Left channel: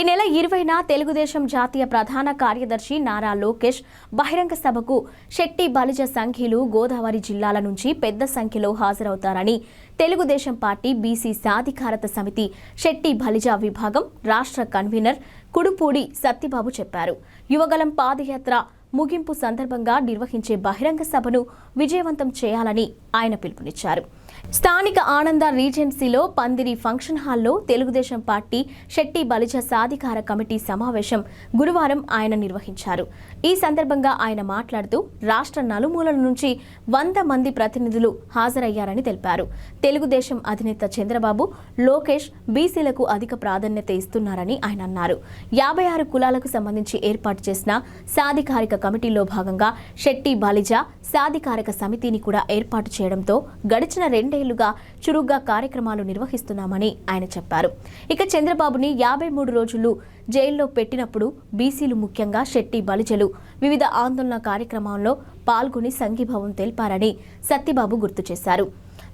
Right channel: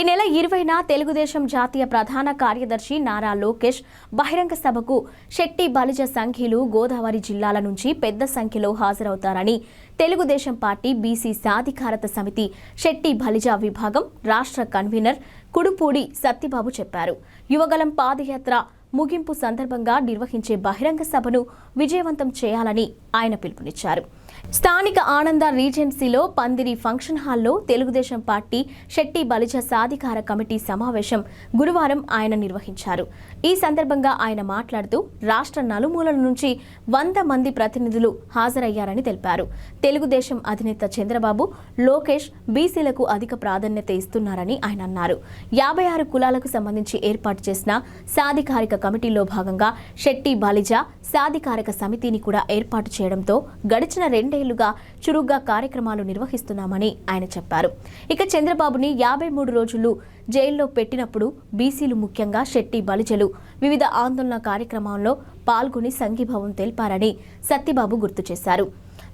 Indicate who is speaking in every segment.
Speaker 1: ఈ నెల ఇరవైన తెలుగుదేశం జాతీయ ప్రధాన కార్యదర్శి నారా లోకేష్ బహిరంగ సభకు శెట్టి బలిజ సంఖ్యలు గోదావరి జిల్లాల నుంచి పెద్ద సంఖ్యలో హాజరవుతారని తెలుగుదేశం పార్టీ బీసీ సాధికారత సమితి శెట్టి బలిజ విభాగం రాష్ట్ర కన్వీనర్ కుడుపూడి సత్యబాబు చెప్పారు. యువగలం పాదయాత్ర ముగింపు సందర్భంగా నిర్వహించే బహిరంగ సభను విజయవంతం చేయాలని ఆయన పిలుపునిచ్చారు. స్థానిక ఆనంద రీజెన్సీలో పందిరి ఫంక్షన్ హాల్లో తెలుగుదేశం పార్టీ శెట్టి బలిజ సాధికార కమిటీ సమావేశం గురువారం ఆయన నిర్వహించారు. ఈ సందర్భంగా ఆయన మాట్లాడుతూ రాష్ట్ర నలుమూలల నుంచి వంద మంది ప్రతినిధులు హాజరయ్యారని తెలిపారు. తెలుగుదేశం అధినేత చంద్రబాబు లోకేష్ బీసీలకు అధిక ప్రాధాన్యత ఇస్తున్నారని ఆయన అన్నారు. యాభై ఆరు కులాలకు సంబంధించి ఏర్పాటు చేసిన సాధికారిక కమిటీలో భాగంగా శెట్టి బాలిజ సాధికారిక సమితిని కూడా ఏర్పాటు చేయడంతో గడిచిన రెండు రెండేళ్ళుగా చురుగ్గా కార్యక్రమాలు నిర్వహిస్తున్నామని ఆయన చెప్పారు. ఇక చంద్రబాబుని యాభై మూడు రోజులు జైల్లో పెట్టినప్పుడు బీసీలు ముఖ్యంగా శెట్టి బలిజలు వివిధ ఆందోళన కార్యక్రమాల్లో పాల్గొని సంఘీభావం తెలిపారని సత్యబాబు గుర్తు చేశారు.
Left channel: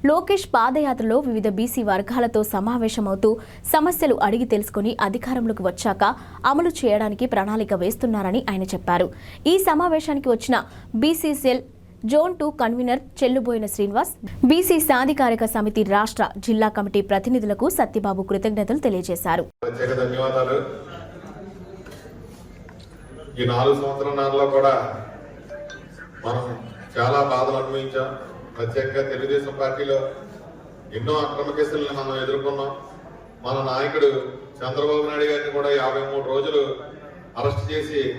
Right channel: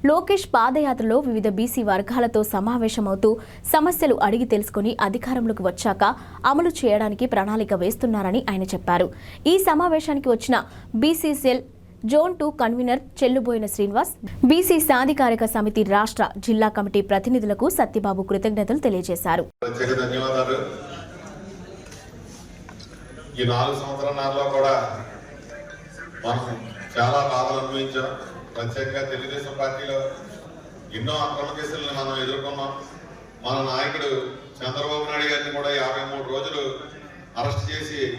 Speaker 1: లోకేష్ పాదయాత్రలో వివిధ బీసీ వర్గాలతో సమావేశమవుతూ సమస్యలు అడిగి తెలుసుకుని అధికారంలోకి వచ్చాక అమలు చేయడానికి ప్రణాళిక వేస్తున్నారని ఆయన చెప్పారు. ఈ సమావేశానికి వచ్చిన BC cell zone two convener Chelluboina Srinivas BC సాధికారిక సమితి రాష్ట్ర జిల్లా కమిటీ ప్రతినిధులకు సత్యబాబు కృతజ్ఞతలు తెలియజేశారు. ఈ నాలుగు సంవత్సరాల్లో కూడా మనం చాలా బాధలు అనుభవించాం. ప్రత్యేకంగా తెలుగుదేశం పార్టీలో ఎన్నో అక్రమ కేసులను మనం ఎదుర్కొన్నాం. మన నాయకుడు చంద్రబాబు నాయుడు గారిని కూడా యాభై మూడు రోజులు అరెస్ట్ చేసి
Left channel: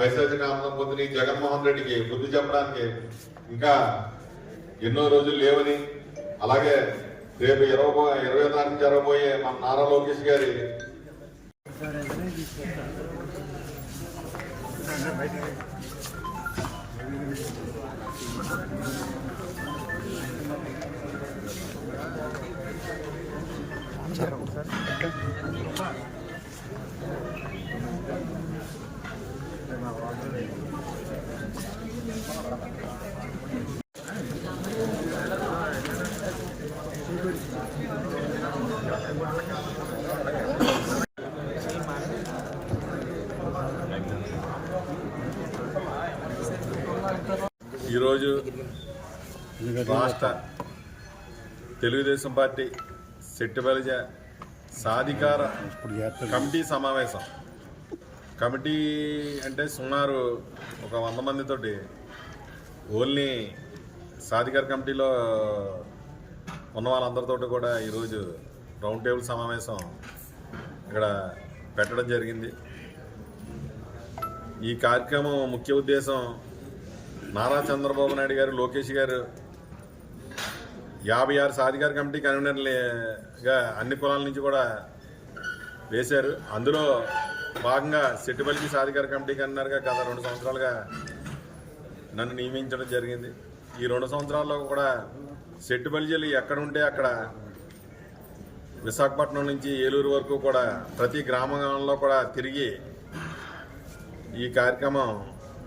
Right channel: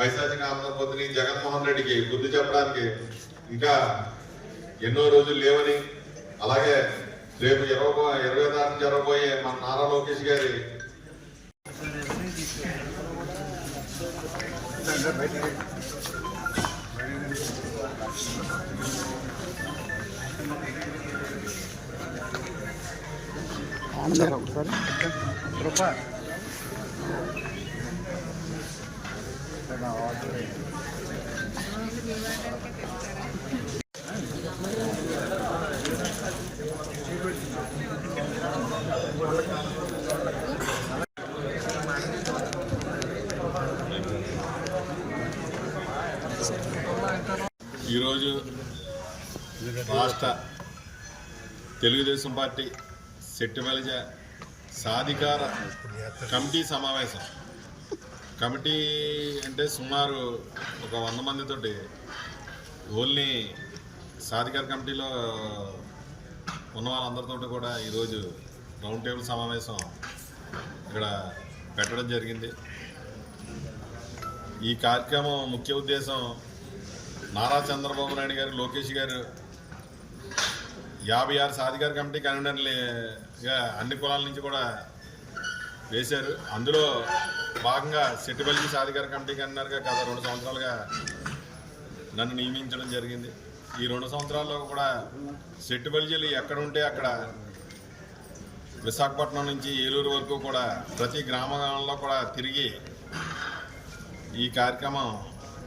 Speaker 1: వైశాఖ ఆనందం పొందిన జగన్మోహన్ రెడ్డికి బుద్ధి చెప్పడానికి ఇంకా ఎన్నో రోజులు లేవని అలాగే రేపు ఇరవై ఇరవై తారీఖు జరగబోయే మన నారా లోకేష్ గారి
Speaker 2: ఈరోజు రాష్ట్ర తెలుగుదేశం పార్టీ సెట్టుబలిజ సాధికార కమిటీ సమావేశం. కమిటీ అంటే సుమారు ఒక వంద మందితోటి ఓన్లీ సాధికార కమిటీలో ఉన్న వాళ్ళందరితో కూడా ఈరోజు రౌండ్ టేబుల్ సమావేశం ఇక్కడ పెట్టడం జరిగింది. ఈ కార్యక్రమం ముఖ్య ఉద్దేశం నారా చంద్రబాబు నాయుడు గారు లోకేష్ గారు యాభై ఆరు సాధికార కమిటీ కన్వీనర్లుగా అన్ని కులాల నుంచి కూడా వేశారు. అందులో భాగంగా సెట్టుబల్లి సాధికార కమిటీ కన్వీనర్గా గత రెండు సంవత్సరాలుగా నన్ను నియమించడం జరిగింది. ఈ రెండు సంవత్సరాల్లో కూడా సెట్టుబల్జీలు ఎక్కడ ఉంటే అక్కడ విశాఖపట్నం నుంచి ఏలూరు వరకు కూడా ప్రతి గ్రామంలో కూడా తిరిగి ఈ కార్యక్రమం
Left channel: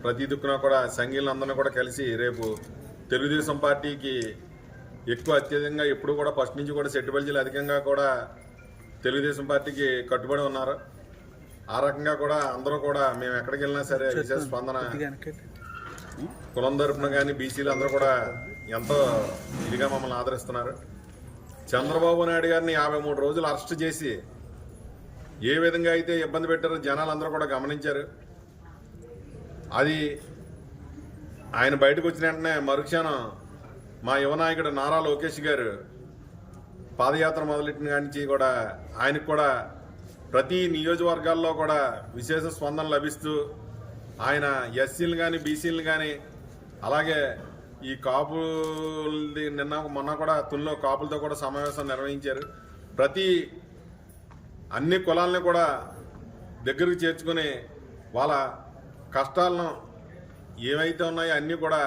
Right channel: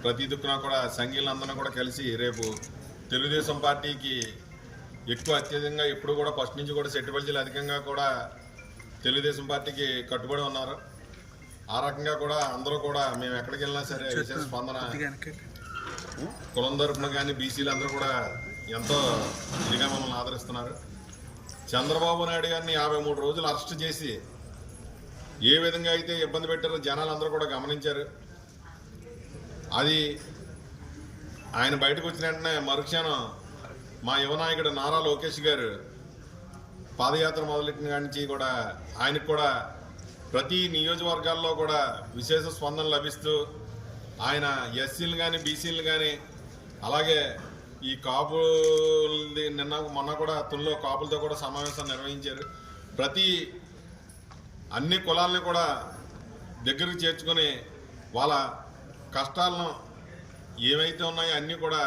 Speaker 2: ప్రతి దిక్కున కూడా సంఘీయులందరినీ కూడా కలిసి రేపు తెలుగుదేశం పార్టీకి ఎక్కువ అత్యధికంగా ఎప్పుడు కూడా ఫస్ట్ నుంచి కూడా సెట్టుబల్జీలు అధికంగా కూడా తెలుగుదేశం పార్టీకి కట్టుబడి ఉన్నారు. ఆ రకంగా కూడా అందరూ కూడా మేము ఎక్కడికి వెళ్ళినా సరే విశేష స్పందన కులం తరపున కానీ బీసీలు అందరూ కూడా ఎంతో ఇదిగా మమ్మల్ని ఆదరిస్తున్నారు. చంద్రబాబు నాయుడు గారిని యాభై మూడు రోజులు అరెస్ట్ చేసి ఏ విధంగా అయితే ఇబ్బంది పెట్టారో జనాలు అందరూ కూడా గమనించారు. అది ఆయన బయటకు వచ్చిన వెంటనే మరుక్షణం మా యువనాయకుడు నారా లోకేష్ గారు పాదయాత్ర మొదలెట్టిన కాడి నుంచి కూడా ఆయనకు కూడా ప్రతి నియోజకవర్గాల్లో కూడా విశేష స్పందన లభిస్తూ ఆయన ఎస్సీలు కానీ బీసీలు కానీ అలాగే ఈ కాపులది నిన్న మొన్న కూడా తుల్లో కాపులతో కూడా సమావేశం నిర్వహించారు. ప్రతి అన్ని కులాలని కూడా దగ్గరికి చేర్చుకొని వాళ్ళ కష్టాలను ఏవైతే ఉన్నాయో అన్నీ కూడా